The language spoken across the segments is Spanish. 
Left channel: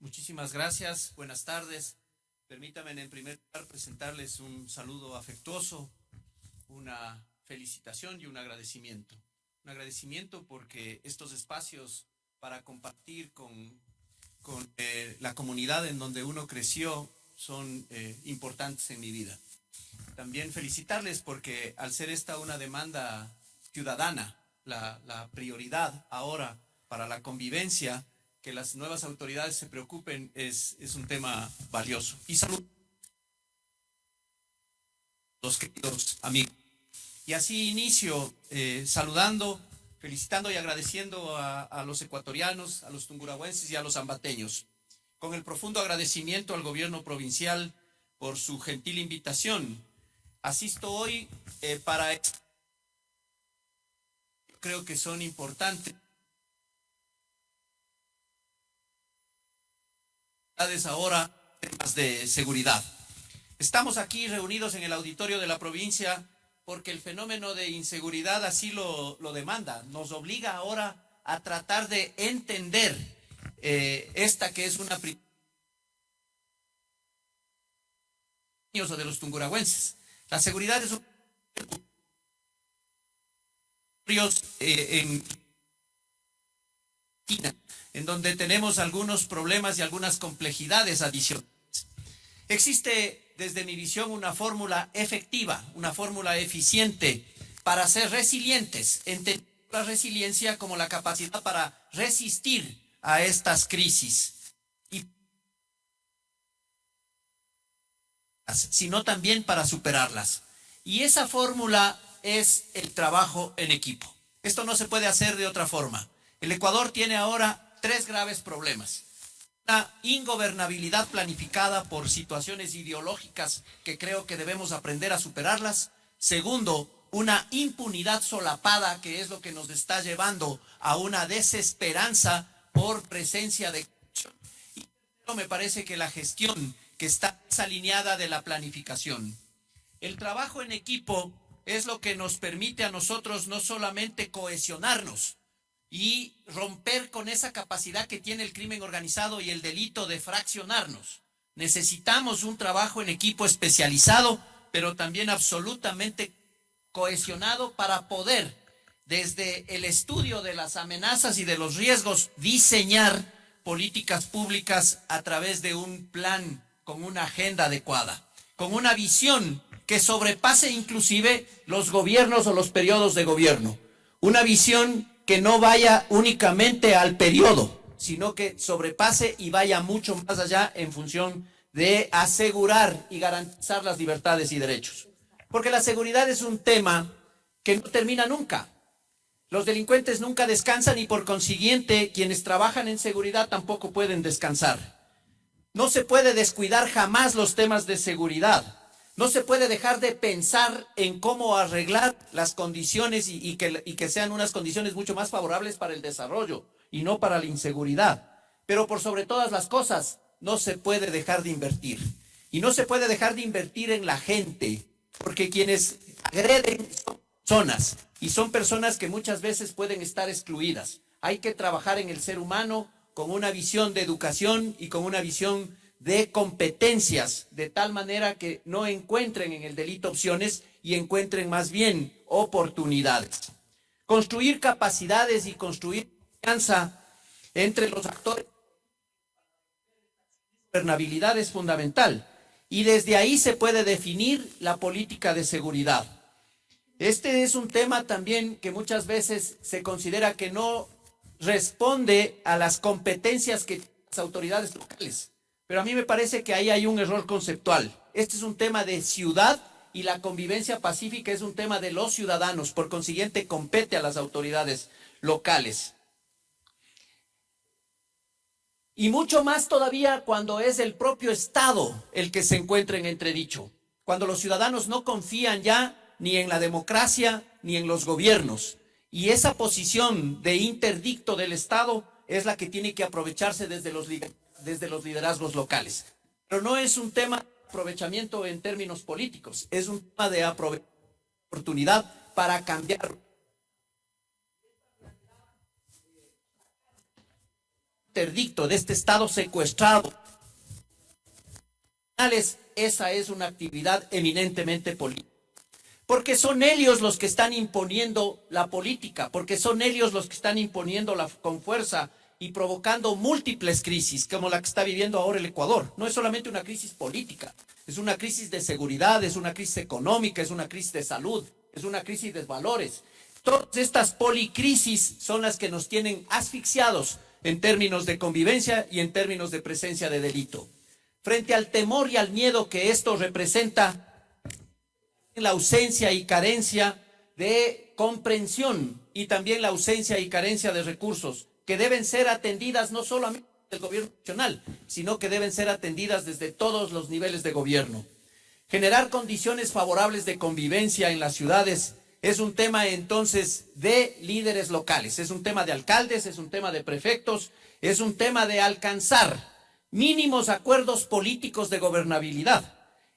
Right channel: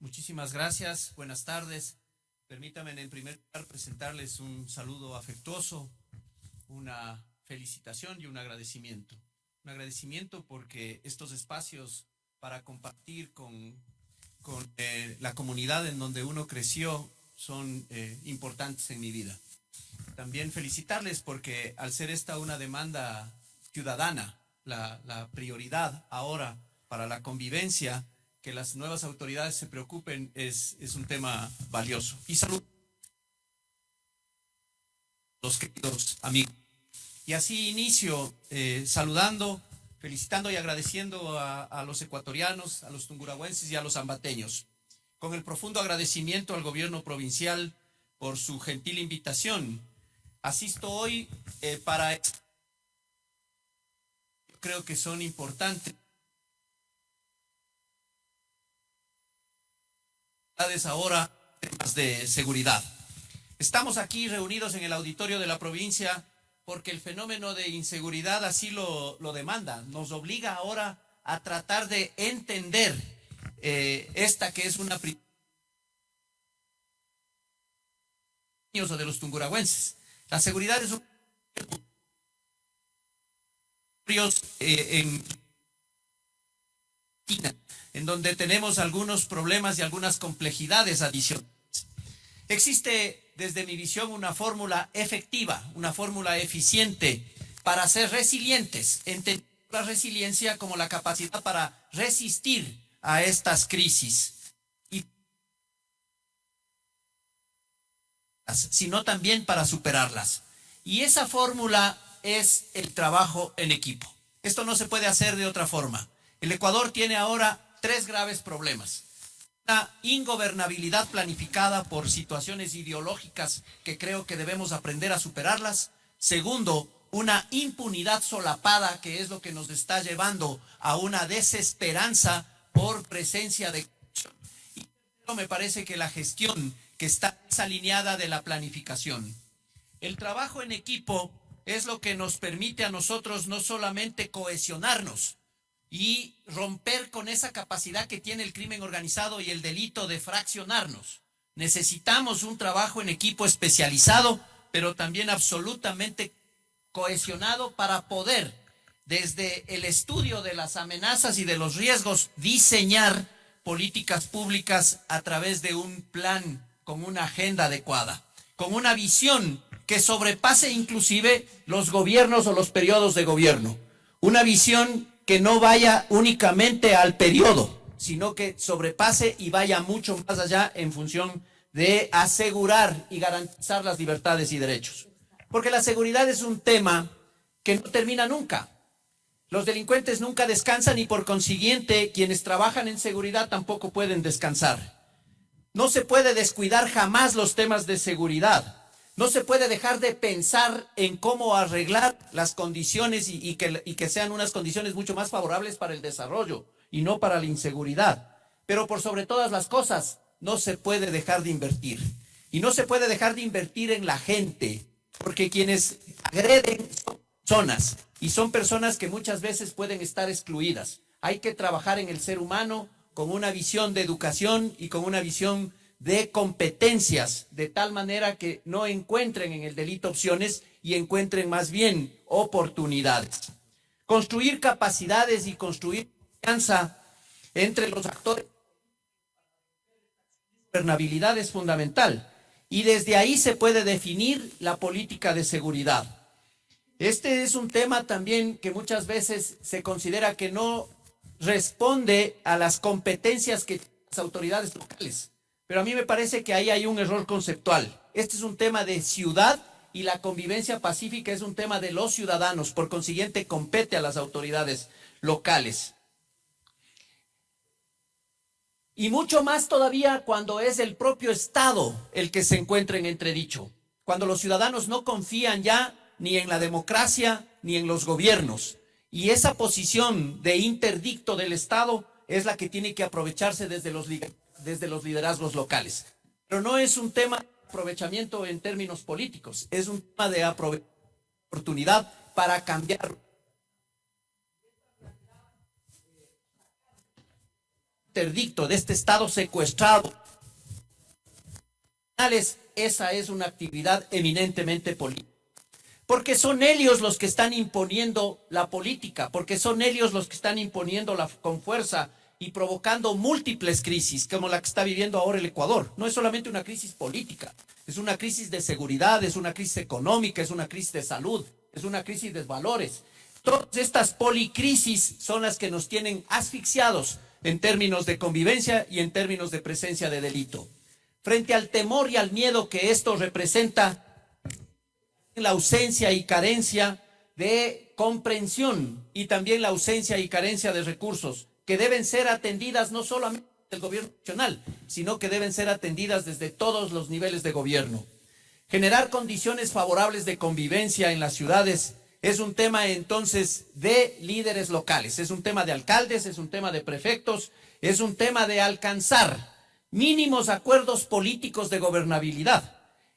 Muchísimas gracias, buenas tardes. Permítanme en primer lugar presentarles un saludo afectuoso, una felicitación y un agradecimiento. Un agradecimiento porque estos espacios para compartir con la comunidad en donde uno creció son importantes en mi vida. También felicitarles porque al ser esta una demanda ciudadana, la prioridad ahora para la convivencia, que las nuevas autoridades se preocupen es un tema valioso. Y salud a los queridos amigos. Y así inicio saludando, felicitando y agradeciendo a los ecuatorianos, a los tungurahüenses y a los ambateños, con el profundo agradecimiento al gobierno provincial por su gentil invitación. Asisto hoy para creo que son importantes ahora temas de seguridad. Estamos aquí reunidos en el auditorio de la provincia porque el fenómeno de inseguridad así lo demanda. Nos obliga ahora a tratar de entender esta que es una prioridad de los tungurahüenses. La seguridad es un en donde tenemos algunos problemas y algunas complejidades adicionales. Existe, desde mi visión, una fórmula efectiva, una fórmula eficiente para ser resilientes, entender la resiliencia como la capacidad para resistir a estas crisis, sino también para superarlas. Y esa fórmula es el trabajo en equipo. Esto no se puede hacer de otra forma. El Ecuador tiene ahora 3 graves problemas. Una ingobernabilidad planificada por situaciones ideológicas que creo que debemos aprender a superarlas. Segundo, una impunidad solapada que es lo que nos está llevando a una desesperanza por presencia de corrupción. Y tercero, me parece que la gestión que está desalineada de la planificación. El trabajo en equipo es lo que nos permite a nosotros no solamente cohesionarnos y romper con esa capacidad que tiene el crimen organizado y el delito de fraccionarnos. Necesitamos un trabajo en equipo especializado, pero también absolutamente cohesionado para poder, desde el estudio de las amenazas y de los riesgos, diseñar políticas públicas a través de un plan con una agenda adecuada, con una visión que sobrepase inclusive los gobiernos o los periodos de gobierno. Una visión que no vaya únicamente al periodo, sino que sobrepase y vaya mucho más allá en función de asegurar y garantizar las libertades y derechos. Porque la seguridad es un tema que no termina nunca. Los delincuentes nunca descansan y por consiguiente quienes trabajan en seguridad tampoco pueden descansar. No se puede descuidar jamás los temas de seguridad. No se puede dejar de pensar en cómo arreglar las condiciones y que sean unas condiciones mucho más favorables para el desarrollo y no para la inseguridad. Pero por sobre todas las cosas, no se puede dejar de invertir. Y no se puede dejar de invertir en la gente, porque quienes agreden son personas y son personas que muchas veces pueden estar excluidas. Hay que trabajar en el ser humano con una visión de educación y con una visión de competencias, de tal manera que no encuentren en el delito opciones y encuentren más bien oportunidades. Construir capacidades y construir confianza entre los actores. La gobernabilidad es fundamental y desde ahí se puede definir la política de seguridad. Este es un tema también que muchas veces se considera que no responde a las competencias que tienen las autoridades locales. Pero a mí me parece que ahí hay un error conceptual. Este es un tema de ciudad y la convivencia pacífica es un tema de los ciudadanos. Por consiguiente, compete a las autoridades locales. Y mucho más todavía cuando es el propio Estado el que se encuentra en entredicho. Cuando los ciudadanos no confían ya ni en la democracia ni en los gobiernos. Y esa posición de interdicto del Estado es la que tiene que aprovecharse desde los liderazgos locales. Pero no es un tema de aprovechamiento en términos políticos, es un tema de oportunidad para cambiar interdicto, de este Estado secuestrado, esa es una actividad eminentemente política. Porque son ellos los que están imponiendo la política, porque son ellos los que están imponiendo con fuerza y provocando múltiples crisis, como la que está viviendo ahora el Ecuador. No es solamente una crisis política, es una crisis de seguridad, es una crisis económica, es una crisis de salud, es una crisis de valores. Todas estas policrisis son las que nos tienen asfixiados en términos de convivencia y en términos de presencia de delito. Frente al temor y al miedo que esto representa, la ausencia y carencia de comprensión y también la ausencia y carencia de recursos que deben ser atendidas no solamente del gobierno nacional, sino que deben ser atendidas desde todos los niveles de gobierno. Generar condiciones favorables de convivencia en las ciudades es un tema entonces de líderes locales, es un tema de alcaldes, es un tema de prefectos, es un tema de alcanzar mínimos acuerdos políticos de gobernabilidad.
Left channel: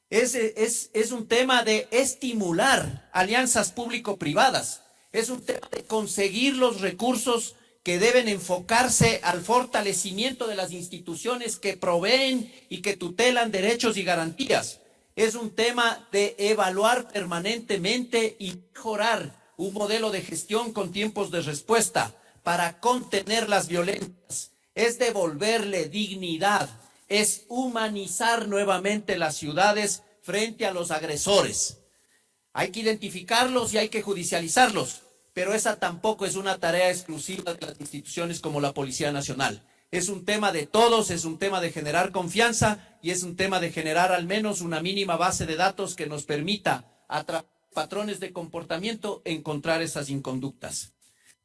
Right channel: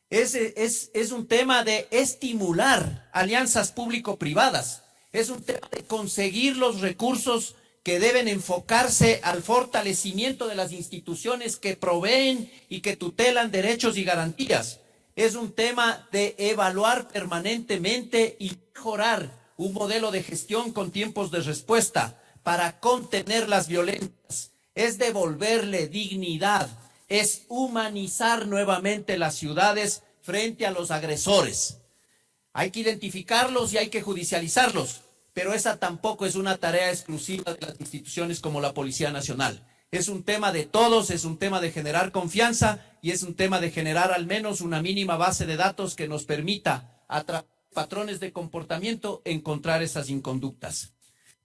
Es un tema de estimular alianzas público-privadas, es un tema de conseguir los recursos que deben enfocarse al fortalecimiento de las instituciones que proveen y que tutelan derechos y garantías. Es un tema de evaluar permanentemente y mejorar un modelo de gestión con tiempos de respuesta para contener las violencias. Es devolverle dignidad, es humanizar nuevamente las ciudades frente a los agresores. Hay que identificarlos y hay que judicializarlos, pero esa tampoco es una tarea exclusiva de las instituciones como la Policía Nacional. Es un tema de todos, es un tema de generar confianza y es un tema de generar al menos una mínima base de datos que nos permita, a través de patrones de comportamiento, encontrar esas inconductas.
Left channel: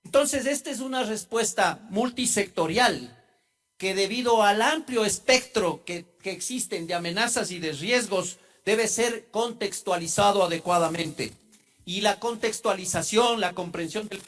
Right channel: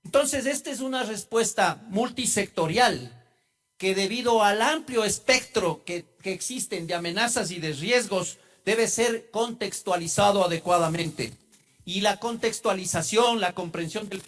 Entonces, esta es una respuesta multisectorial que, debido al amplio espectro que existen de amenazas y de riesgos, debe ser contextualizado adecuadamente. Y la contextualización, la comprensión del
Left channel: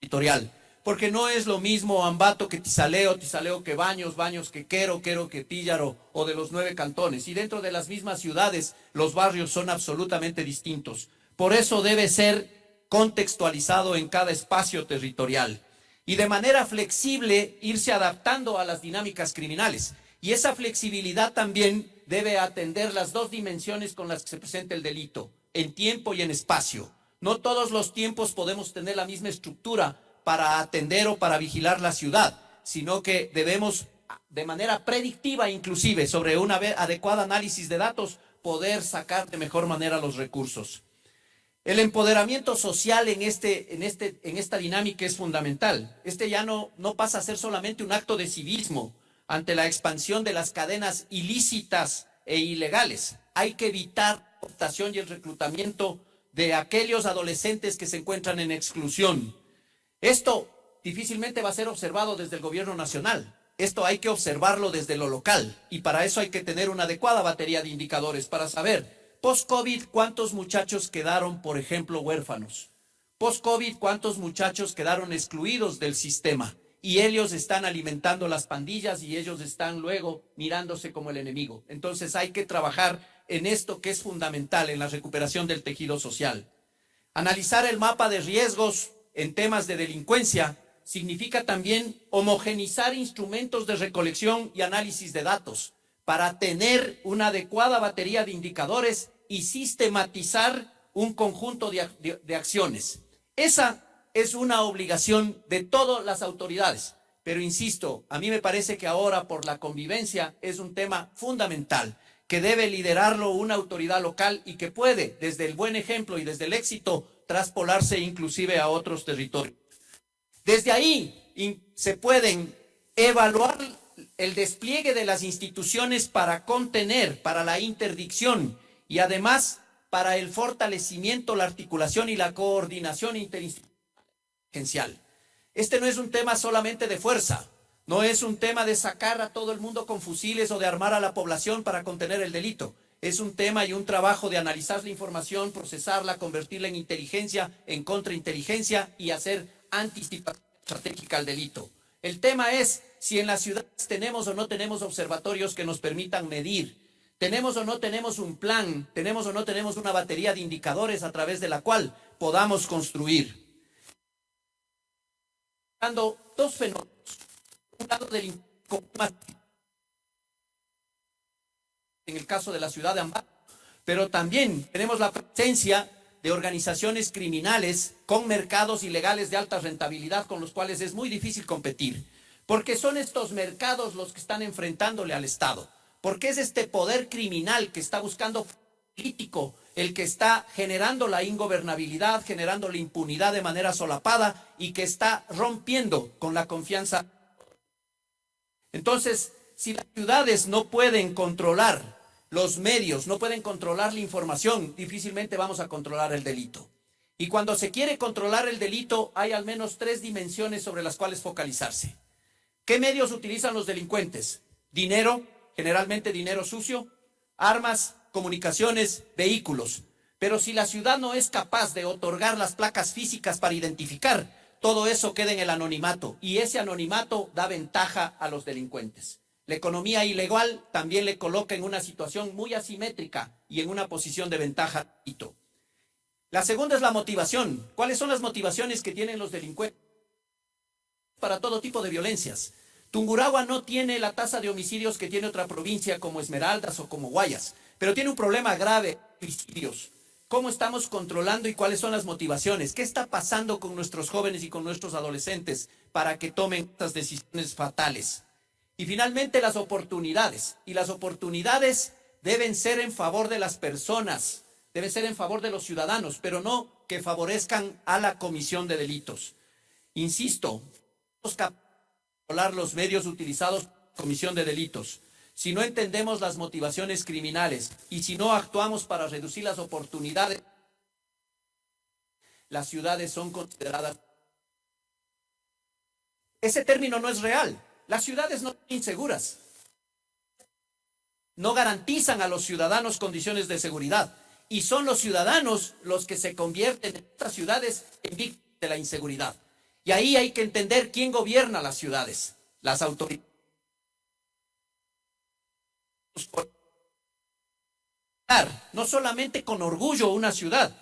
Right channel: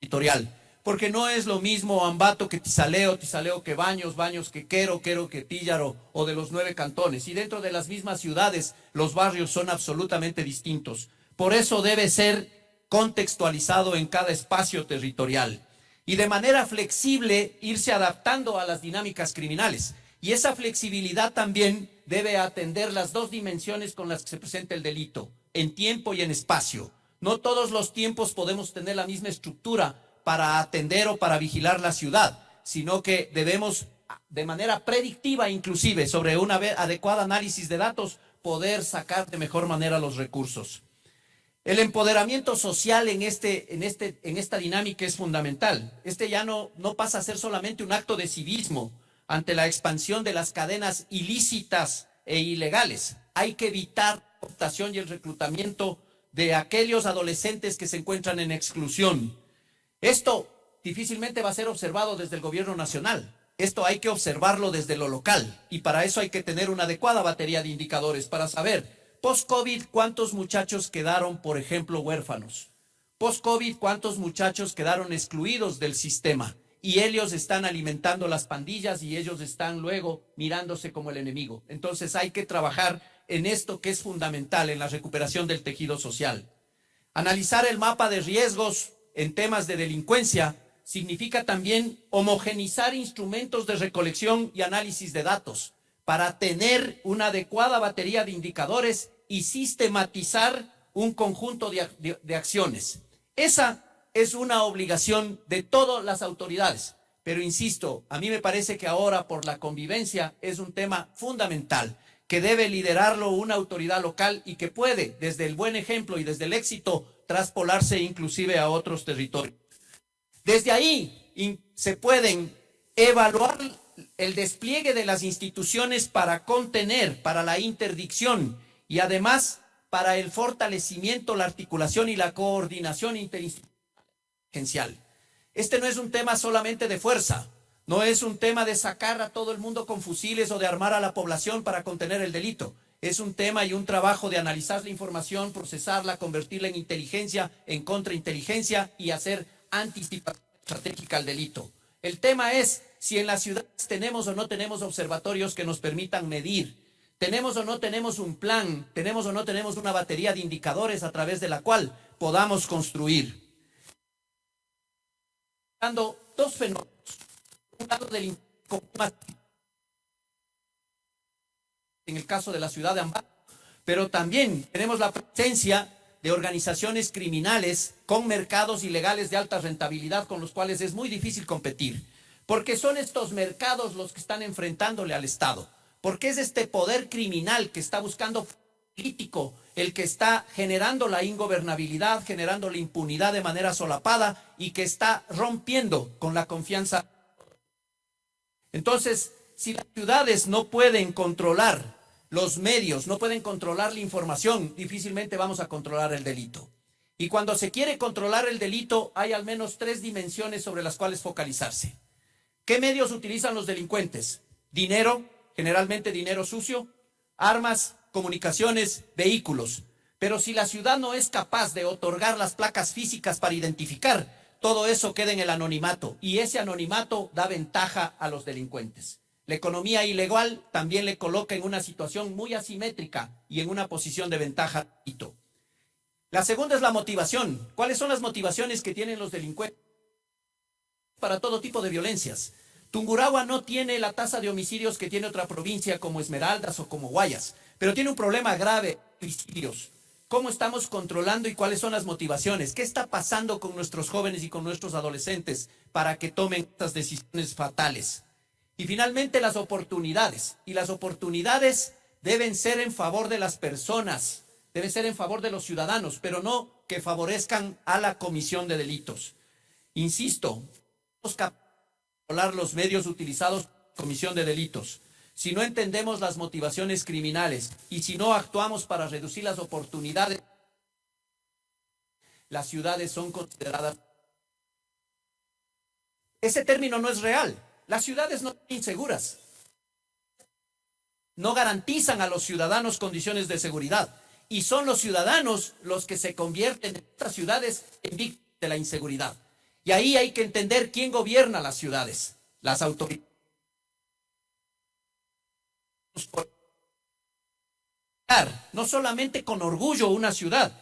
territorial, porque no es lo mismo Ambato que Tizaleo, Tizaleo que Baños, Baños que Quero, Quero que Píllaro o de los 9 cantones. Y dentro de las mismas ciudades los barrios son absolutamente distintos. Por eso debe ser contextualizado en cada espacio territorial y de manera flexible irse adaptando a las dinámicas criminales. Y esa flexibilidad también debe atender las dos dimensiones con las que se presenta el delito, en tiempo y en espacio. No todos los tiempos podemos tener la misma estructura para atender o para vigilar la ciudad, sino que debemos, de manera predictiva inclusive, sobre un adecuado análisis de datos, poder sacar de mejor manera los recursos. El empoderamiento social en esta dinámica es fundamental. Ya no pasa a ser solamente un acto de civismo ante la expansión de las cadenas ilícitas e ilegales. Hay que evitar la cooptación y el reclutamiento de aquellos adolescentes que se encuentran en exclusión. Esto difícilmente va a ser observado desde el gobierno nacional. Esto hay que observarlo desde lo local y para eso hay que tener una adecuada batería de indicadores para saber, post-COVID, ¿cuántos muchachos quedaron, por ejemplo, huérfanos? Post-COVID, ¿cuántos muchachos quedaron excluidos del sistema? Y ellos están alimentando las pandillas y ellos están luego mirándose como el enemigo. Entonces hay que trabajar en esto que es fundamental, en la recuperación del tejido social. Analizar el mapa de riesgos en temas de delincuencia significa también homogenizar instrumentos de recolección y análisis de datos para tener una adecuada batería de indicadores y sistematizar un conjunto de acciones. Esa es una obligación de todas las autoridades, pero insisto, a mí me parece que ahora por la convivencia es un tema fundamental que debe liderarlo una autoridad local y que puede, desde el buen ejemplo y desde el éxito, traspolarse inclusive a otros territorios. Desde ahí se pueden evaluar el despliegue de las instituciones para contener, para la interdicción y además para el fortalecimiento, la articulación y la coordinación interinstitucional. Este no es un tema solamente de fuerza, no es un tema de sacar a todo el mundo con fusiles o de armar a la población para contener el delito. Es un tema y un trabajo de analizar la información, procesarla, convertirla en inteligencia, en contrainteligencia y hacer anticipación estratégica al delito. El tema es si en las ciudades tenemos o no tenemos observatorios que nos permitan medir, tenemos o no tenemos un plan, tenemos o no tenemos una batería de indicadores a través de la cual podamos construir. Dos fenómenos. un lado del en el caso de la ciudad de Ambato, pero también tenemos la presencia de organizaciones criminales con mercados ilegales de alta rentabilidad con los cuales es muy difícil competir, porque son estos mercados los que están enfrentándole al Estado, porque es este poder criminal que está buscando político el que está generando la ingobernabilidad, generando la impunidad de manera solapada y que está rompiendo con la confianza. Entonces, si las ciudades no pueden controlar los medios, no pueden controlar la información, difícilmente vamos a controlar el delito. Y cuando se quiere controlar el delito, hay al menos 3 dimensiones sobre las cuales focalizarse. ¿Qué medios utilizan los delincuentes? Dinero, generalmente dinero sucio, armas, comunicaciones, vehículos. Pero si la ciudad no es capaz de otorgar las placas físicas para identificar, todo eso queda en el anonimato y ese anonimato da ventaja a los delincuentes. La economía ilegal también le coloca en una situación muy asimétrica y en una posición de ventaja. La segunda es la motivación. ¿Cuáles son las motivaciones que tienen los delincuentes para todo tipo de violencias? Tungurahua no tiene la tasa de homicidios que tiene otra provincia como Esmeraldas o como Guayas, pero tiene un problema grave de homicidios. ¿Cómo estamos controlando y cuáles son las motivaciones? ¿Qué está pasando con nuestros jóvenes y con nuestros adolescentes para que tomen estas decisiones fatales? Y finalmente las oportunidades. Y las oportunidades deben ser en favor de las personas, deben ser en favor de los ciudadanos, pero no que favorezcan a la comisión de delitos. Insisto, controlar los medios utilizados por la comisión de delitos. Si no entendemos las motivaciones criminales y si no actuamos para reducir las oportunidades, las ciudades son consideradas. Ese término no es real. Las ciudades no son inseguras. No garantizan a los ciudadanos condiciones de seguridad. Y son los ciudadanos los que se convierten en estas ciudades en víctimas de la inseguridad. Y ahí hay que entender quién gobierna las ciudades. Las autoridades. No solamente con orgullo una ciudad,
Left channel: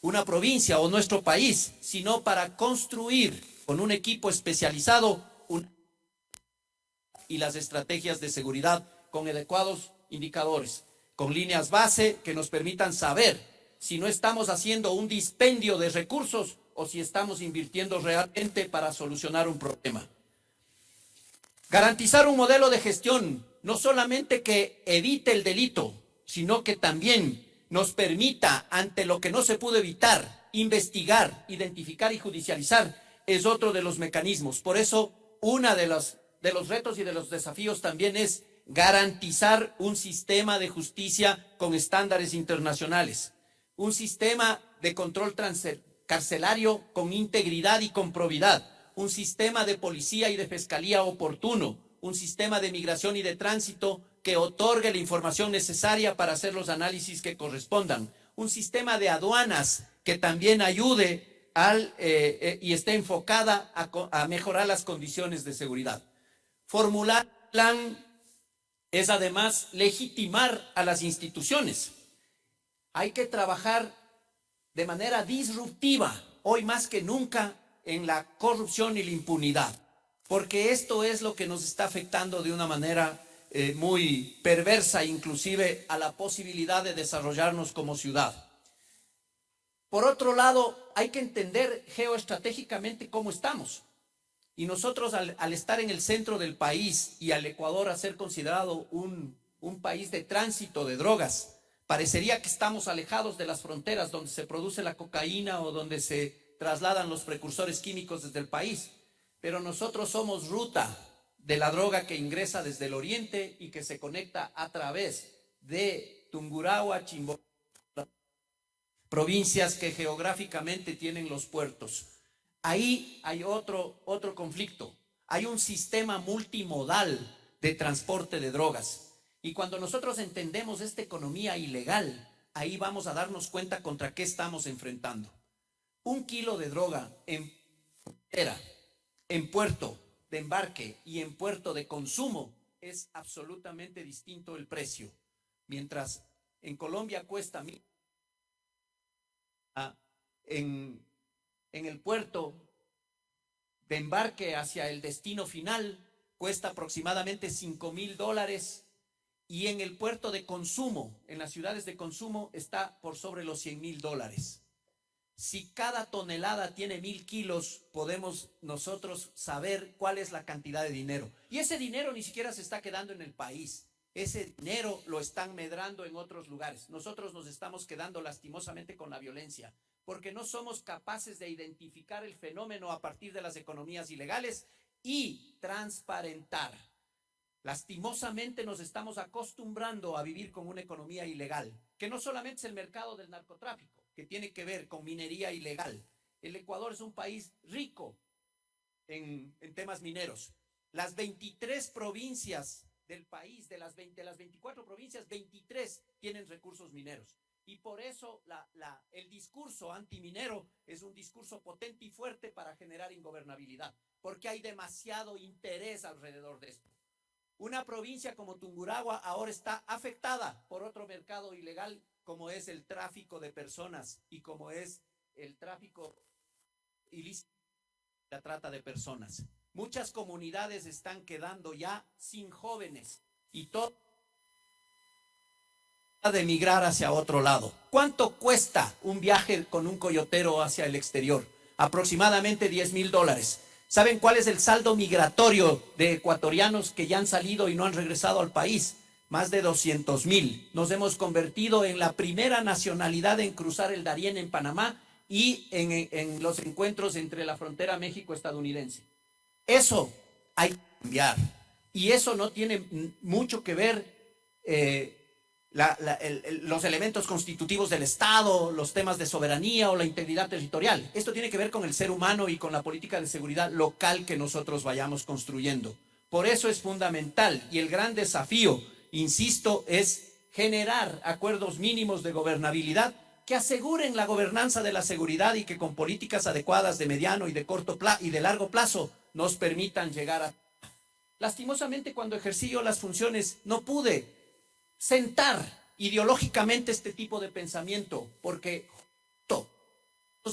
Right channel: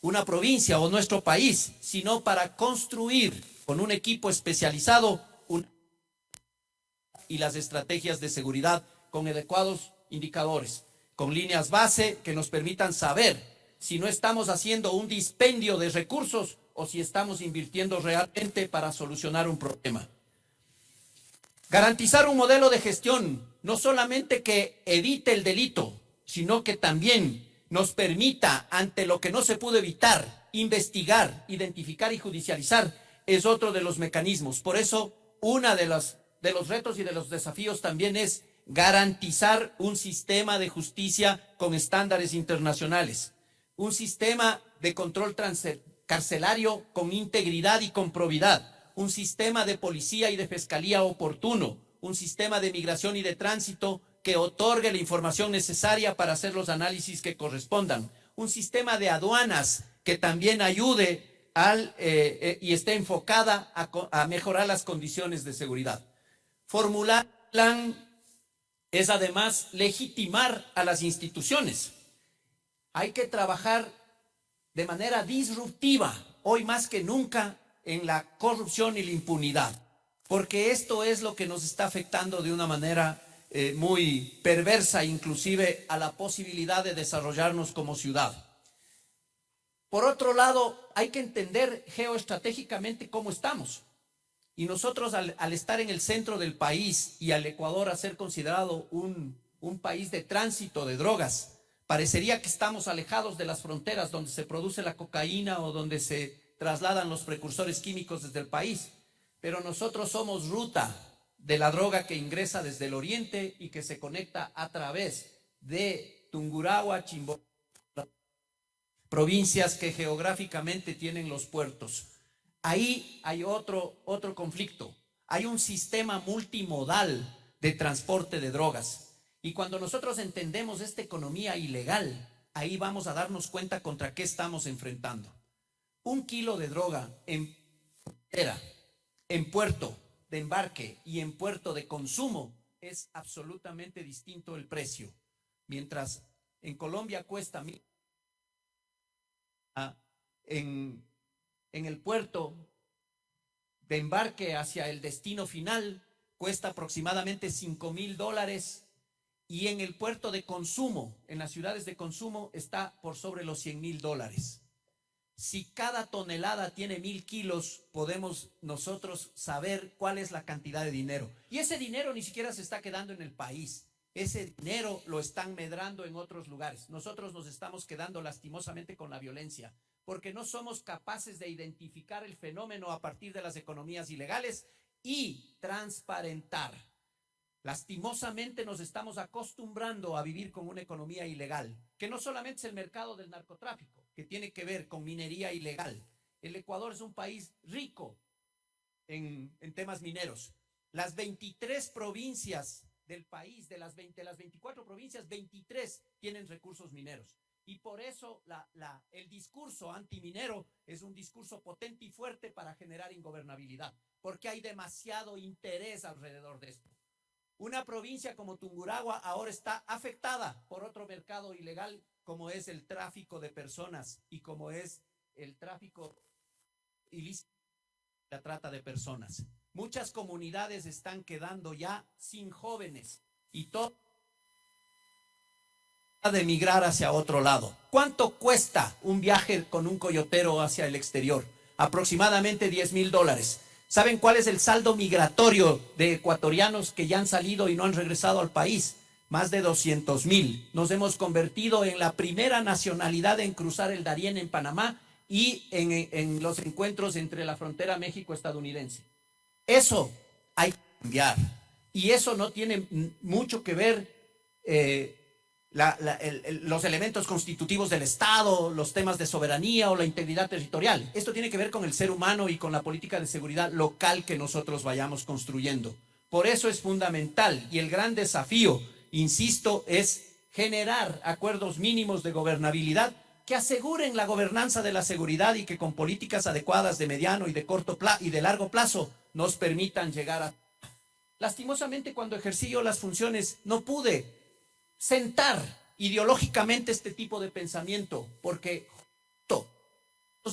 una provincia o nuestro país, sino para construir con un equipo especializado y las estrategias de seguridad con adecuados indicadores, con líneas base que nos permitan saber si no estamos haciendo un dispendio de recursos o si estamos invirtiendo realmente para solucionar un problema. Garantizar un modelo de gestión no solamente que evite el delito, sino que también nos permita, ante lo que no se pudo evitar, investigar, identificar y judicializar, es otro de los mecanismos. Por eso, uno de los retos y de los desafíos también es garantizar un sistema de justicia con estándares internacionales, un sistema de control carcelario con integridad y con probidad, un sistema de policía y de fiscalía oportuno, un sistema de migración y de tránsito que otorgue la información necesaria para hacer los análisis que correspondan, un sistema de aduanas que también ayude y esté enfocada a mejorar las condiciones de seguridad. Formular un plan es además legitimar a las instituciones. Hay que trabajar de manera disruptiva, hoy más que nunca, en la corrupción y la impunidad, porque esto es lo que nos está afectando de una manera muy perversa, inclusive a la posibilidad de desarrollarnos como ciudad. Por otro lado, hay que entender geoestratégicamente cómo estamos. Y nosotros al estar en el centro del país y al Ecuador a ser considerado un país de tránsito de drogas, parecería que estamos alejados de las fronteras donde se produce la cocaína o donde se trasladan los precursores químicos desde el país. Pero nosotros somos ruta de la droga que ingresa desde el oriente y que se conecta a través de Tungurahua, Chimborazo, provincias que geográficamente tienen los puertos. Ahí hay otro conflicto. Hay un sistema multimodal de transporte de drogas. Y cuando nosotros entendemos esta economía ilegal, ahí vamos a darnos cuenta contra qué estamos enfrentando. 1 kilo de droga en frontera, en puerto de embarque y en puerto de consumo es absolutamente distinto el precio. Mientras en Colombia cuesta en el puerto de embarque hacia el destino final cuesta aproximadamente $5.000 y en el puerto de consumo, en las ciudades de consumo, está por sobre los $100.000. Si cada tonelada tiene 1.000 kilos, podemos nosotros saber cuál es la cantidad de dinero. Y ese dinero ni siquiera se está quedando en el país. Ese dinero lo están medrando en otros lugares. Nosotros nos estamos quedando lastimosamente con la violencia, porque no somos capaces de identificar el fenómeno a partir de las economías ilegales y transparentar. Lastimosamente nos estamos acostumbrando a vivir con una economía ilegal, que no solamente es el mercado del narcotráfico, que tiene que ver con minería ilegal. El Ecuador es un país rico en temas mineros. Las 23 provincias del país, de las 24 provincias, 23 tienen recursos mineros. Y por eso el discurso antiminero es un discurso potente y fuerte para generar ingobernabilidad, porque hay demasiado interés alrededor de esto. Una provincia como Tungurahua ahora está afectada por otro mercado ilegal, como es el tráfico de personas y como es el tráfico ilícito, la trata de personas. Muchas comunidades están quedando ya sin jóvenes y todo de emigrar hacia otro lado. ¿Cuánto cuesta un viaje con un coyotero hacia el exterior? Aproximadamente $10.000. ¿Saben cuál es el saldo migratorio de ecuatorianos que ya han salido y no han regresado al país? Más de 200.000. Nos hemos convertido en la primera nacionalidad en cruzar el Darién en Panamá y en los encuentros entre la frontera México-estadounidense. Eso hay que cambiar. Y eso no tiene mucho que ver los elementos constitutivos del Estado, los temas de soberanía o la integridad territorial. Esto tiene que ver con el ser humano y con la política de seguridad local que nosotros vayamos construyendo. Por eso es fundamental y el gran desafío, insisto, es generar acuerdos mínimos de gobernabilidad que aseguren la gobernanza de la seguridad y que con políticas adecuadas de mediano y de corto plazo y de largo plazo nos permitan llegar a... Lastimosamente, cuando ejercí yo las funciones no pude sentar ideológicamente este tipo de pensamiento, porque todos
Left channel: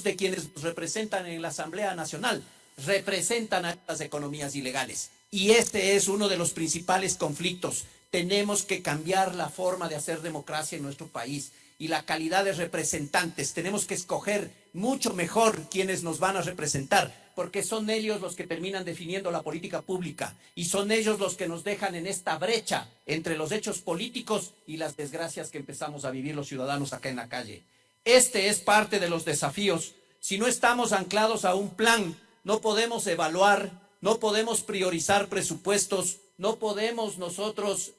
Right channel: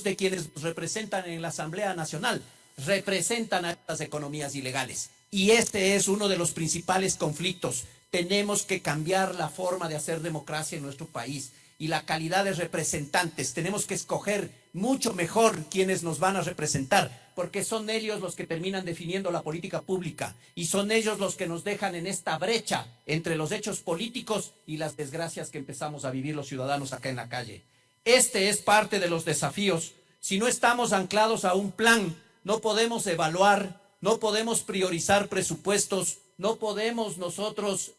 de quienes nos representan en la Asamblea Nacional representan a estas economías ilegales. Y este es uno de los principales conflictos. Tenemos que cambiar la forma de hacer democracia en nuestro país y la calidad de representantes. Tenemos que escoger mucho mejor quienes nos van a representar, porque son ellos los que terminan definiendo la política pública y son ellos los que nos dejan en esta brecha entre los hechos políticos y las desgracias que empezamos a vivir los ciudadanos acá en la calle. Este es parte de los desafíos. Si no estamos anclados a un plan, no podemos evaluar, no podemos priorizar presupuestos, no podemos nosotros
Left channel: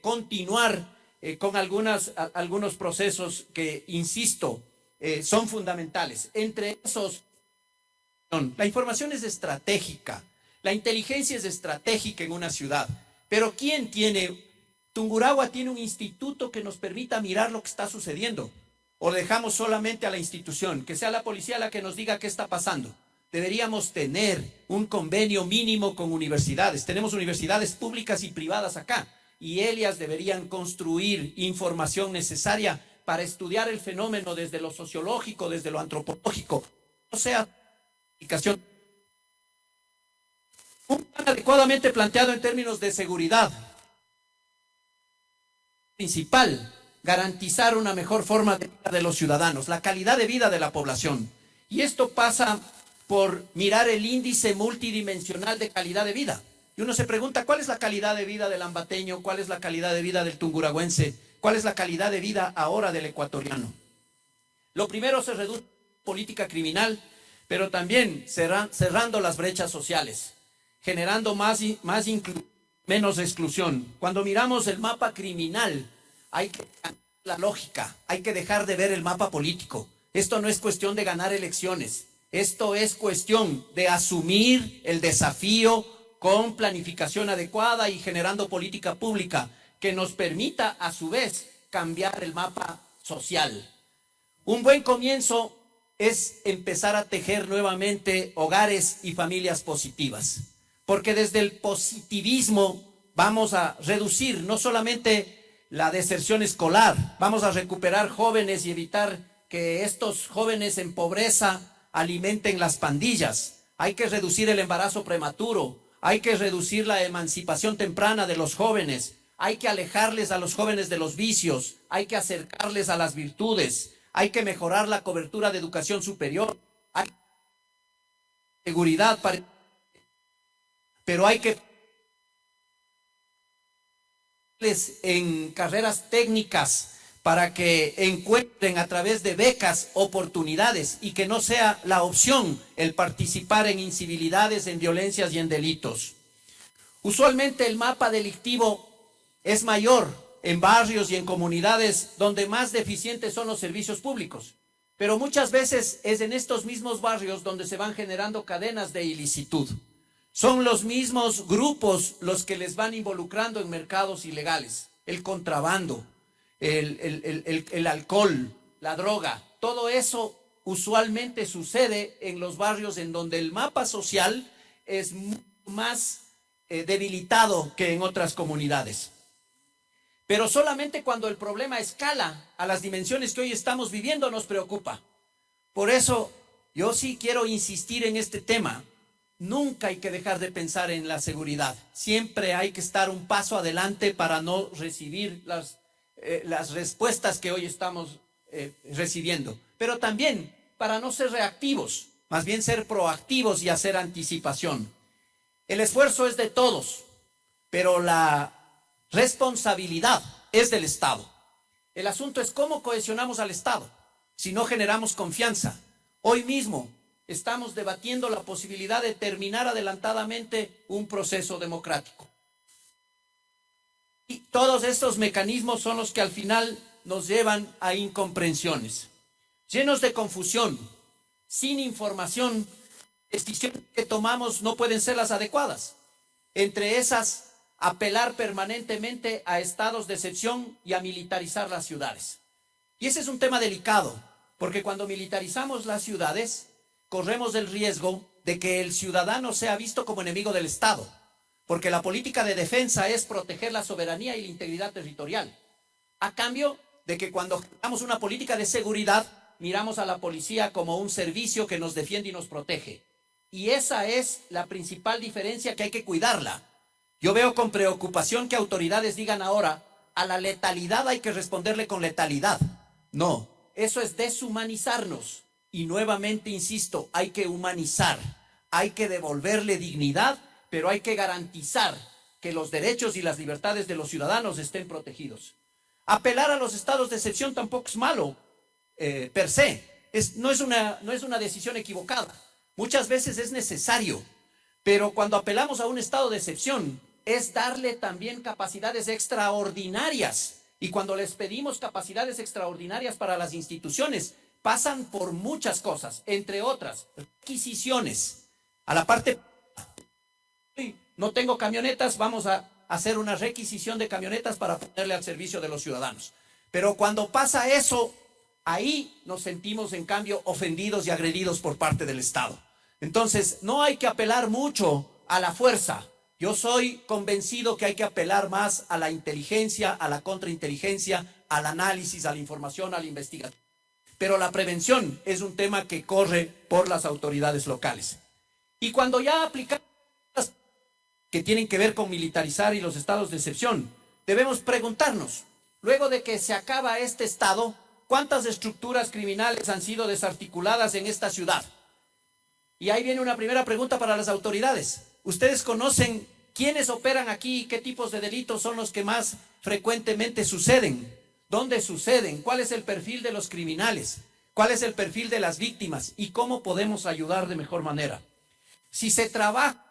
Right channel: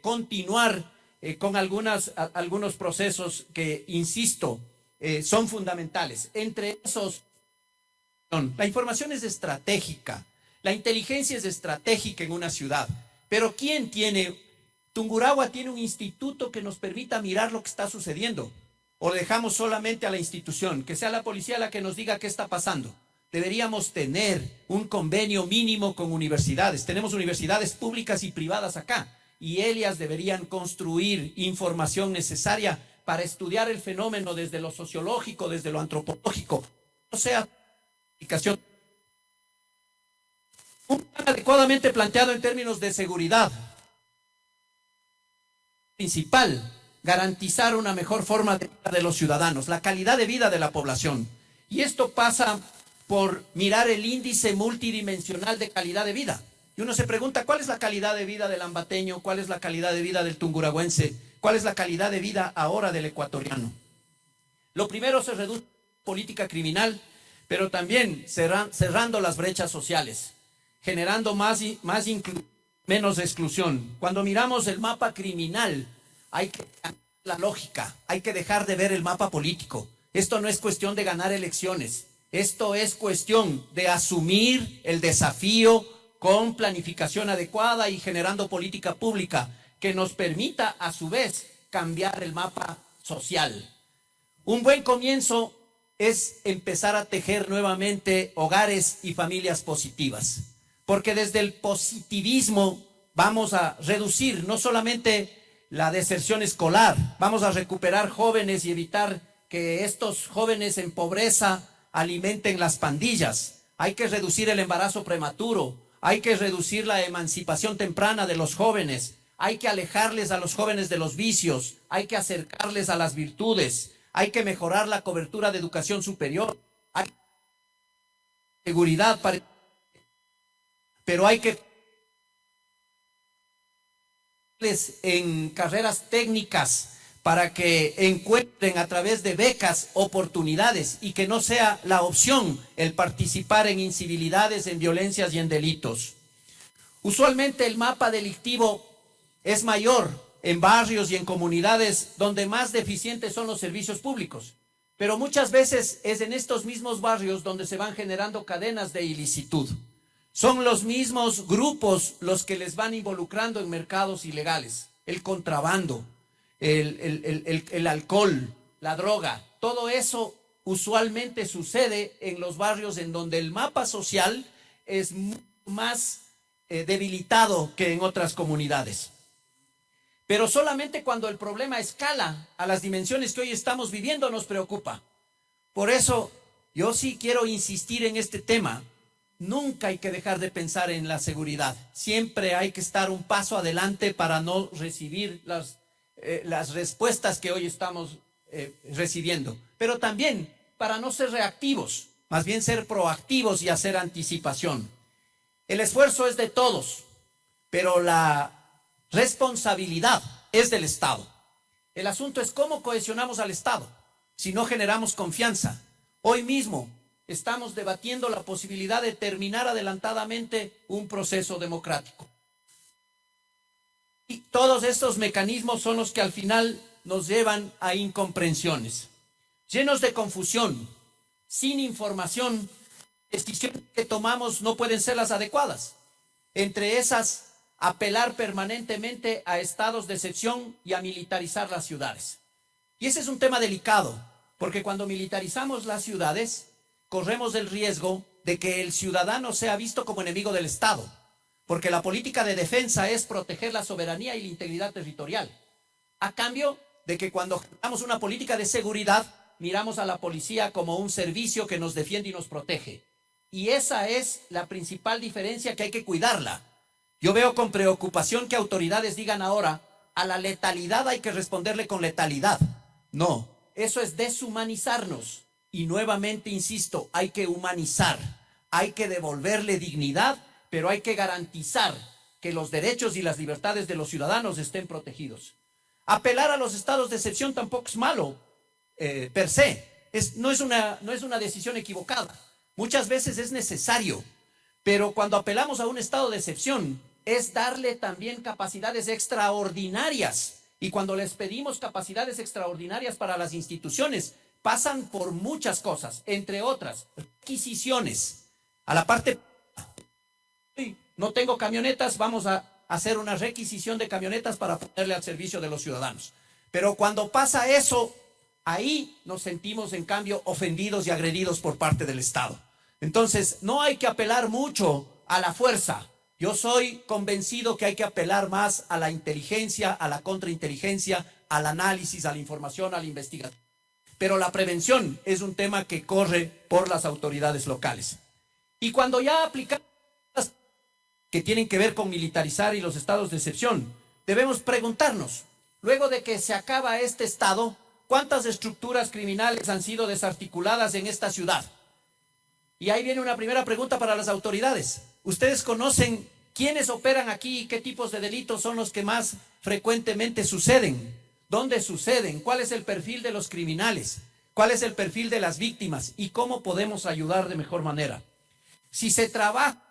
continuar con algunos procesos que, insisto, son fundamentales. Entre esos, la información es estratégica, la inteligencia es estratégica en una ciudad, pero ¿quién tiene? Tungurahua tiene un instituto que nos permita mirar lo que está sucediendo, o dejamos solamente a la institución, que sea la policía la que nos diga qué está pasando. Deberíamos tener un convenio mínimo con universidades. Tenemos universidades públicas y privadas acá, y ellas deberían construir información necesaria para estudiar el fenómeno desde lo sociológico, desde lo antropológico. O sea, un plan adecuadamente planteado en términos de seguridad. Principal, garantizar una mejor forma de vida de los ciudadanos, la calidad de vida de la población. Y esto pasa por mirar el índice multidimensional de calidad de vida. Y uno se pregunta, ¿cuál es la calidad de vida del ambateño? ¿Cuál es la calidad de vida del tunguragüense? ¿Cuál es la calidad de vida ahora del ecuatoriano? Lo primero, se reduce la política criminal, pero también cerrando las brechas sociales, generando menos exclusión. Cuando miramos el mapa criminal, hay que cambiar la lógica, hay que dejar de ver el mapa político. Esto no es cuestión de ganar elecciones, esto es cuestión de asumir el desafío con planificación adecuada y generando política pública que nos permita a su vez cambiar el mapa social. Un buen comienzo es empezar a tejer nuevamente hogares y familias positivas, porque desde el positivismo vamos a reducir no solamente la deserción escolar, vamos a recuperar jóvenes y evitar que estos jóvenes en pobreza alimenten las pandillas. Hay que reducir el embarazo prematuro, hay que reducir la emancipación temprana de los jóvenes, hay que alejarles a los jóvenes de los vicios, hay que acercarles a las virtudes, hay que mejorar la cobertura de educación superior, hay seguridad, pero hay que en carreras técnicas para que encuentren a través de becas oportunidades y que no sea la opción el participar en incivilidades, en violencias y en delitos. Usualmente el mapa delictivo es mayor en barrios y en comunidades donde más deficientes son los servicios públicos, pero muchas veces es en estos mismos barrios donde se van generando cadenas de ilicitud. Son los mismos grupos los que les van involucrando en mercados ilegales, el contrabando, el alcohol, la droga, todo eso usualmente sucede en los barrios en donde el mapa social es más debilitado que en otras comunidades. Pero solamente cuando el problema escala a las dimensiones que hoy estamos viviendo nos preocupa. Por eso yo sí quiero insistir en este tema. Nunca hay que dejar de pensar en la seguridad. Siempre hay que estar un paso adelante para no recibir las respuestas que hoy estamos recibiendo. Pero también para no ser reactivos, más bien ser proactivos y hacer anticipación. El esfuerzo es de todos, pero la responsabilidad es del Estado. El asunto es cómo cohesionamos al Estado, si no generamos confianza. Hoy mismo estamos debatiendo la posibilidad de terminar adelantadamente un proceso democrático. Y todos estos mecanismos son los que al final nos llevan a incomprensiones. Llenos de confusión, sin información, decisiones que tomamos no pueden ser las adecuadas. Entre esas, apelar permanentemente a estados de excepción y a militarizar las ciudades. Y ese es un tema delicado, porque cuando militarizamos las ciudades, corremos el riesgo de que el ciudadano sea visto como enemigo del Estado, porque la política de defensa es proteger la soberanía y la integridad territorial, a cambio de que cuando generamos una política de seguridad, miramos a la policía como un servicio que nos defiende y nos protege. Y esa es la principal diferencia que hay que cuidarla. Yo veo con preocupación que autoridades digan ahora, a la letalidad hay que responderle con letalidad. No, eso es deshumanizarnos. Y nuevamente insisto, hay que humanizar, hay que devolverle dignidad, pero hay que garantizar que los derechos y las libertades de los ciudadanos estén protegidos. Apelar a los estados de excepción tampoco es malo, per se. No es una decisión equivocada. Muchas veces es necesario, pero cuando apelamos a un estado de excepción, es darle también capacidades extraordinarias. Y cuando les pedimos capacidades extraordinarias para las instituciones, pasan por muchas cosas, entre otras, requisiciones. A la parte, no tengo camionetas, vamos a hacer una requisición de camionetas para ponerle al servicio de los ciudadanos. Pero cuando pasa eso, ahí nos sentimos en cambio ofendidos y agredidos por parte del Estado. Entonces, no hay que apelar mucho a la fuerza. Yo soy convencido que hay que apelar más a la inteligencia, a la contrainteligencia, al análisis, a la información, a la investigación. Pero la prevención es un tema que corre por las autoridades locales. Y cuando ya aplicamos que tienen que ver con militarizar y los estados de excepción, debemos preguntarnos, luego de que se acaba este estado, ¿cuántas estructuras criminales han sido desarticuladas en esta ciudad? Y ahí viene una primera pregunta para las autoridades. ¿Ustedes conocen quiénes operan aquí y qué tipos de delitos son los que más frecuentemente suceden? ¿Dónde suceden? ¿Cuál es el perfil de los criminales? ¿Cuál es el perfil de las víctimas? ¿Y cómo podemos ayudar de mejor manera? Si se trabaja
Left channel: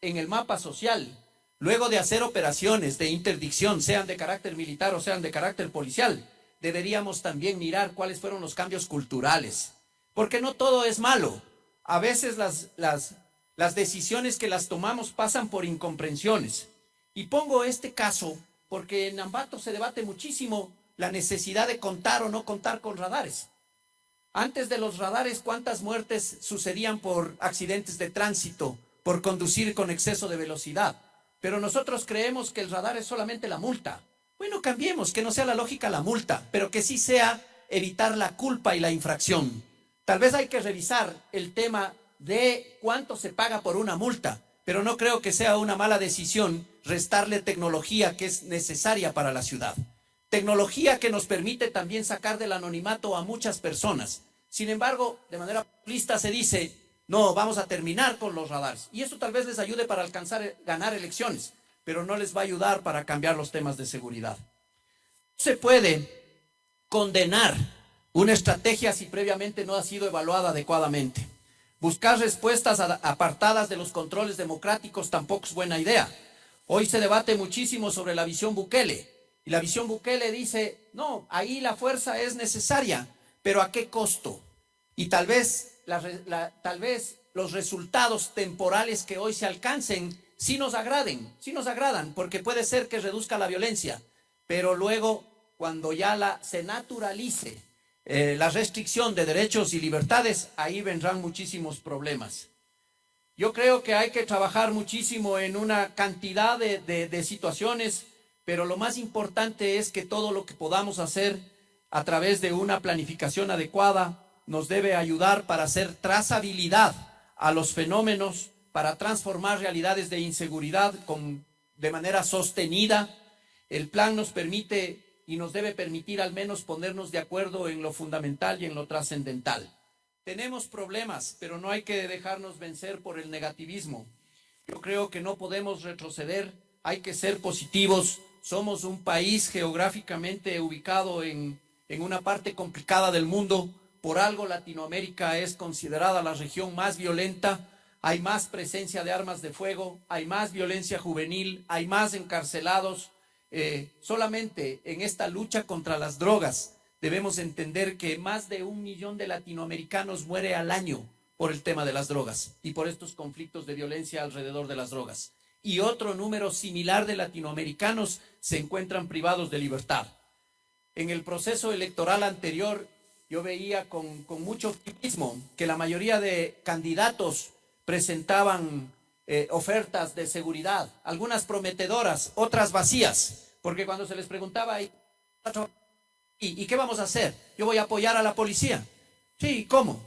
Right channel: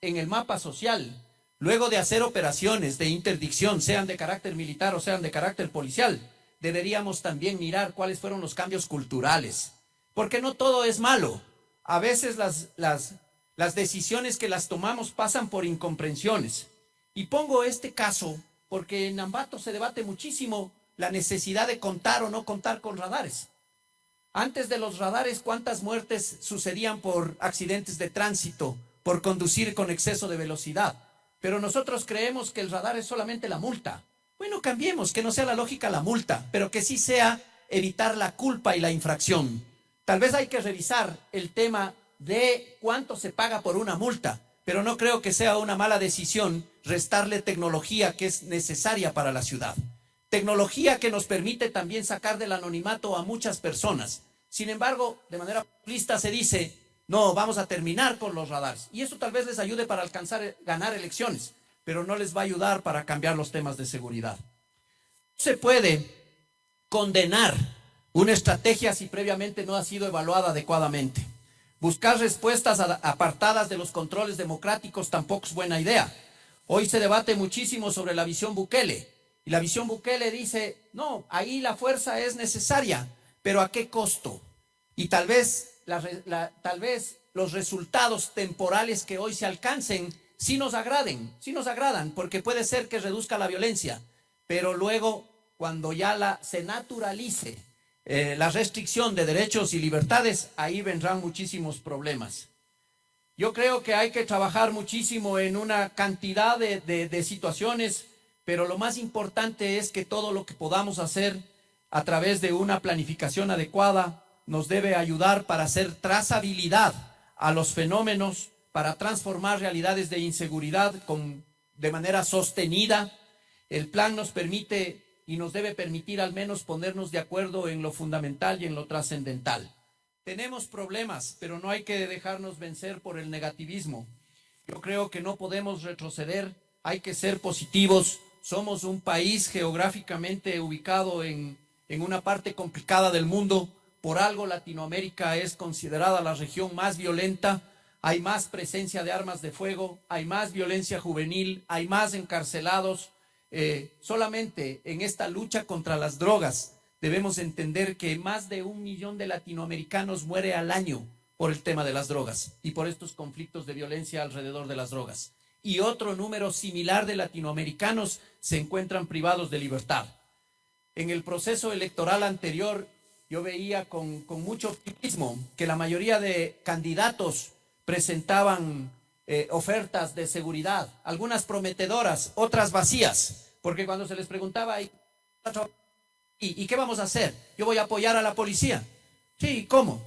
en el mapa social, luego de hacer operaciones de interdicción, sean de carácter militar o sean de carácter policial, deberíamos también mirar cuáles fueron los cambios culturales. Porque no todo es malo. A veces las decisiones que las tomamos pasan por incomprensiones. Y pongo este caso porque en Ambato se debate muchísimo la necesidad de contar o no contar con radares. Antes de los radares, ¿cuántas muertes sucedían por accidentes de tránsito, por conducir con exceso de velocidad? Pero nosotros creemos que el radar es solamente la multa. Bueno, cambiemos, que no sea la lógica la multa, pero que sí sea evitar la culpa y la infracción. Tal vez hay que revisar el tema de cuánto se paga por una multa, pero no creo que sea una mala decisión restarle tecnología que es necesaria para la ciudad. Tecnología que nos permite también sacar del anonimato a muchas personas. Sin embargo, de manera populista se dice, no, vamos a terminar con los radares. Y eso tal vez les ayude para ganar elecciones, pero no les va a ayudar para cambiar los temas de seguridad. No se puede condenar una estrategia si previamente no ha sido evaluada adecuadamente. Buscar respuestas apartadas de los controles democráticos tampoco es buena idea. Hoy se debate muchísimo sobre la visión Bukele. Y la visión Bukele dice, no, ahí la fuerza es necesaria, pero ¿a qué costo? Y tal vez los resultados temporales que hoy se alcancen sí nos agradan, porque puede ser que reduzca la violencia, pero luego cuando ya se naturalice la restricción de derechos y libertades, ahí vendrán muchísimos problemas. Yo creo que hay que trabajar muchísimo en una cantidad de situaciones, pero lo más importante es que todo lo que podamos hacer a través de una planificación adecuada nos debe ayudar para hacer trazabilidad a los fenómenos, para transformar realidades de inseguridad de manera sostenida. El plan nos permite y nos debe permitir al menos ponernos de acuerdo en lo fundamental y en lo trascendental. Tenemos problemas, pero no hay que dejarnos vencer por el negativismo. Yo creo que no podemos retroceder, hay que ser positivos. Somos un país geográficamente ubicado en una parte complicada del mundo. Por algo Latinoamérica es considerada la región más violenta. Hay más presencia de armas de fuego, hay más violencia juvenil, hay más encarcelados. Solamente en esta lucha contra las drogas debemos entender que más de 1 millón de latinoamericanos muere al año por el tema de las drogas y por estos conflictos de violencia alrededor de las drogas. Y otro número similar de latinoamericanos se encuentran privados de libertad. En el proceso electoral anterior, yo veía con mucho optimismo que la mayoría de candidatos presentaban ofertas de seguridad, algunas prometedoras, otras vacías, porque cuando se les preguntaba, ¿y qué vamos a hacer? Yo voy a apoyar a la policía. Sí, ¿cómo?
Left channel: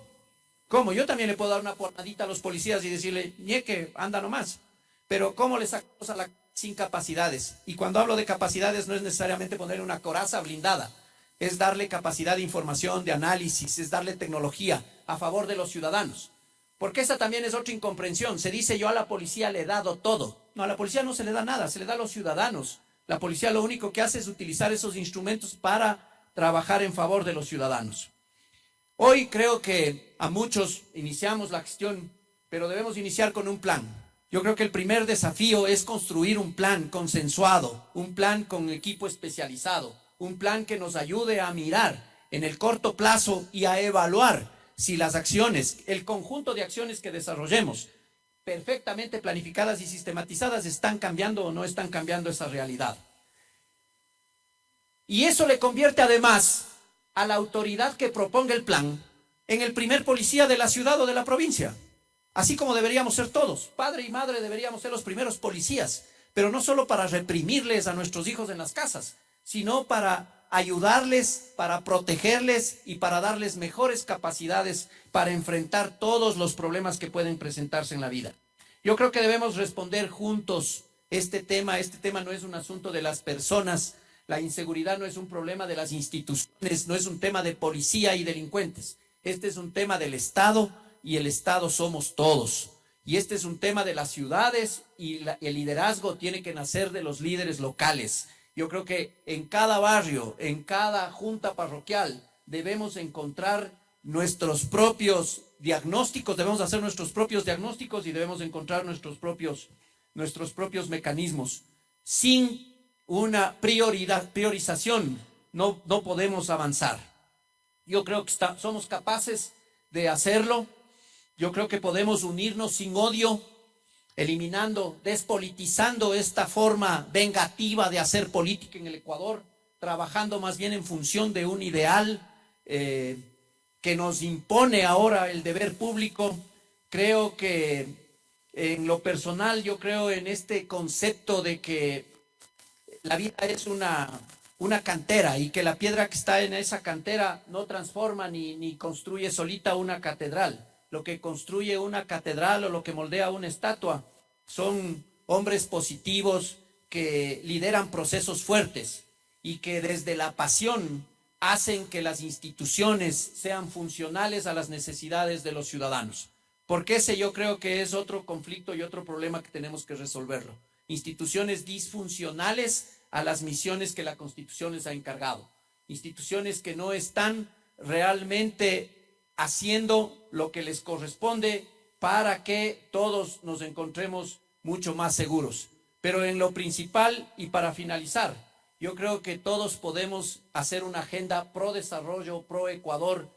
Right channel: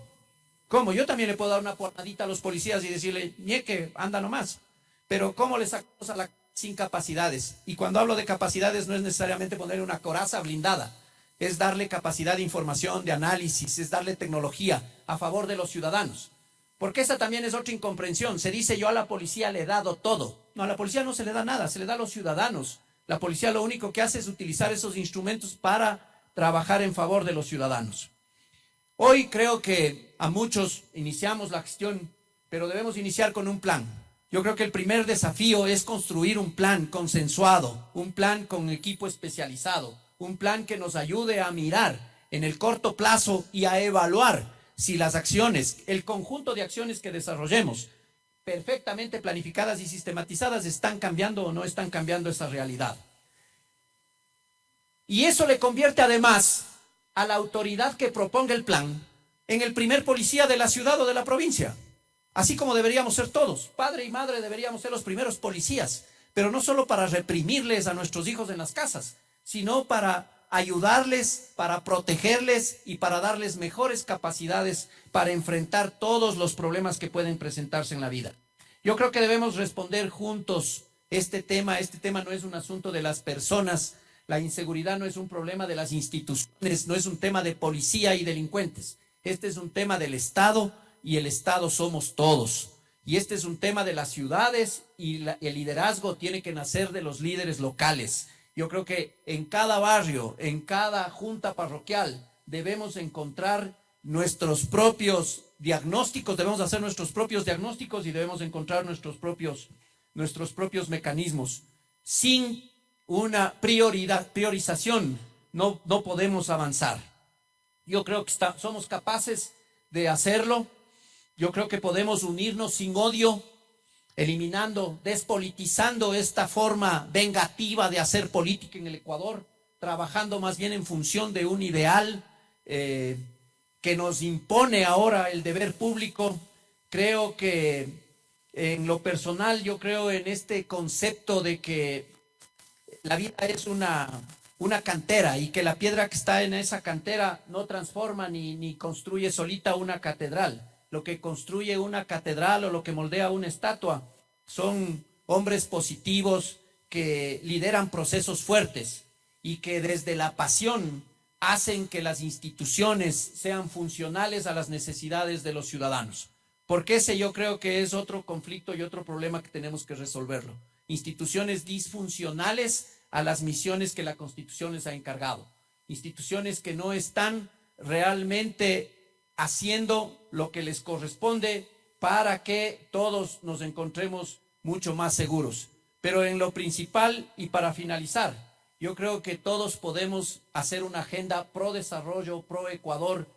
¿Cómo? Yo también le puedo dar una pornadita a los policías y decirle, ñeque, anda nomás. Pero ¿cómo le sacamos a sin capacidades? Y cuando hablo de capacidades no es necesariamente ponerle una coraza blindada, es darle capacidad de información, de análisis, es darle tecnología a favor de los ciudadanos. Porque esa también es otra incomprensión. Se dice, yo a la policía le he dado todo. No, a la policía no se le da nada, se le da a los ciudadanos. La policía lo único que hace es utilizar esos instrumentos para trabajar en favor de los ciudadanos. Hoy creo que a muchos iniciamos la gestión, pero debemos iniciar con un plan. Yo creo que el primer desafío es construir un plan consensuado, un plan con equipo especializado, un plan que nos ayude a mirar en el corto plazo y a evaluar si las acciones, el conjunto de acciones que desarrollemos, perfectamente planificadas y sistematizadas, están cambiando o no están cambiando esa realidad. Y eso le convierte además a la autoridad que proponga el plan en el primer policía de la ciudad o de la provincia. Así como deberíamos ser todos, padre y madre deberíamos ser los primeros policías, pero no solo para reprimirles a nuestros hijos en las casas, sino para ayudarles, para protegerles y para darles mejores capacidades para enfrentar todos los problemas que pueden presentarse en la vida. Yo creo que debemos responder juntos este tema no es un asunto de las personas, la inseguridad no es un problema de las instituciones, no es un tema de policía y delincuentes, este es un tema del Estado y el Estado somos todos. Y este es un tema de las ciudades y el liderazgo tiene que nacer de los líderes locales. Yo creo que en cada barrio, en cada junta parroquial, debemos encontrar nuestros propios diagnósticos, debemos hacer nuestros propios diagnósticos y debemos encontrar nuestros propios mecanismos. Sin una priorización no podemos avanzar. Yo creo que somos capaces de hacerlo. Yo creo que podemos unirnos sin odio, eliminando, despolitizando esta forma vengativa de hacer política en el Ecuador, trabajando más bien en función de un ideal que nos impone ahora el deber público. Creo que en lo personal, yo creo en este concepto de que la vida es una cantera y que la piedra que está en esa cantera no transforma ni construye solita una catedral. Lo que construye una catedral o lo que moldea una estatua son hombres positivos que lideran procesos fuertes y que desde la pasión hacen que las instituciones sean funcionales a las necesidades de los ciudadanos. Porque ese yo creo que es otro conflicto y otro problema que tenemos que resolverlo. Instituciones disfuncionales a las misiones que la Constitución les ha encargado. Instituciones que no están realmente haciendo lo que les corresponde para que todos nos encontremos mucho más seguros. Pero en lo principal y para finalizar, yo creo que todos podemos hacer una agenda pro desarrollo, pro Ecuador,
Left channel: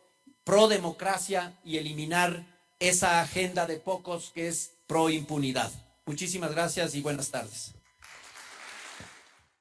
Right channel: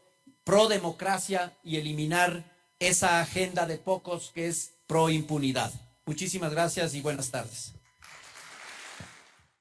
pro democracia y eliminar esa agenda de pocos que es pro impunidad. Muchísimas gracias y buenas tardes.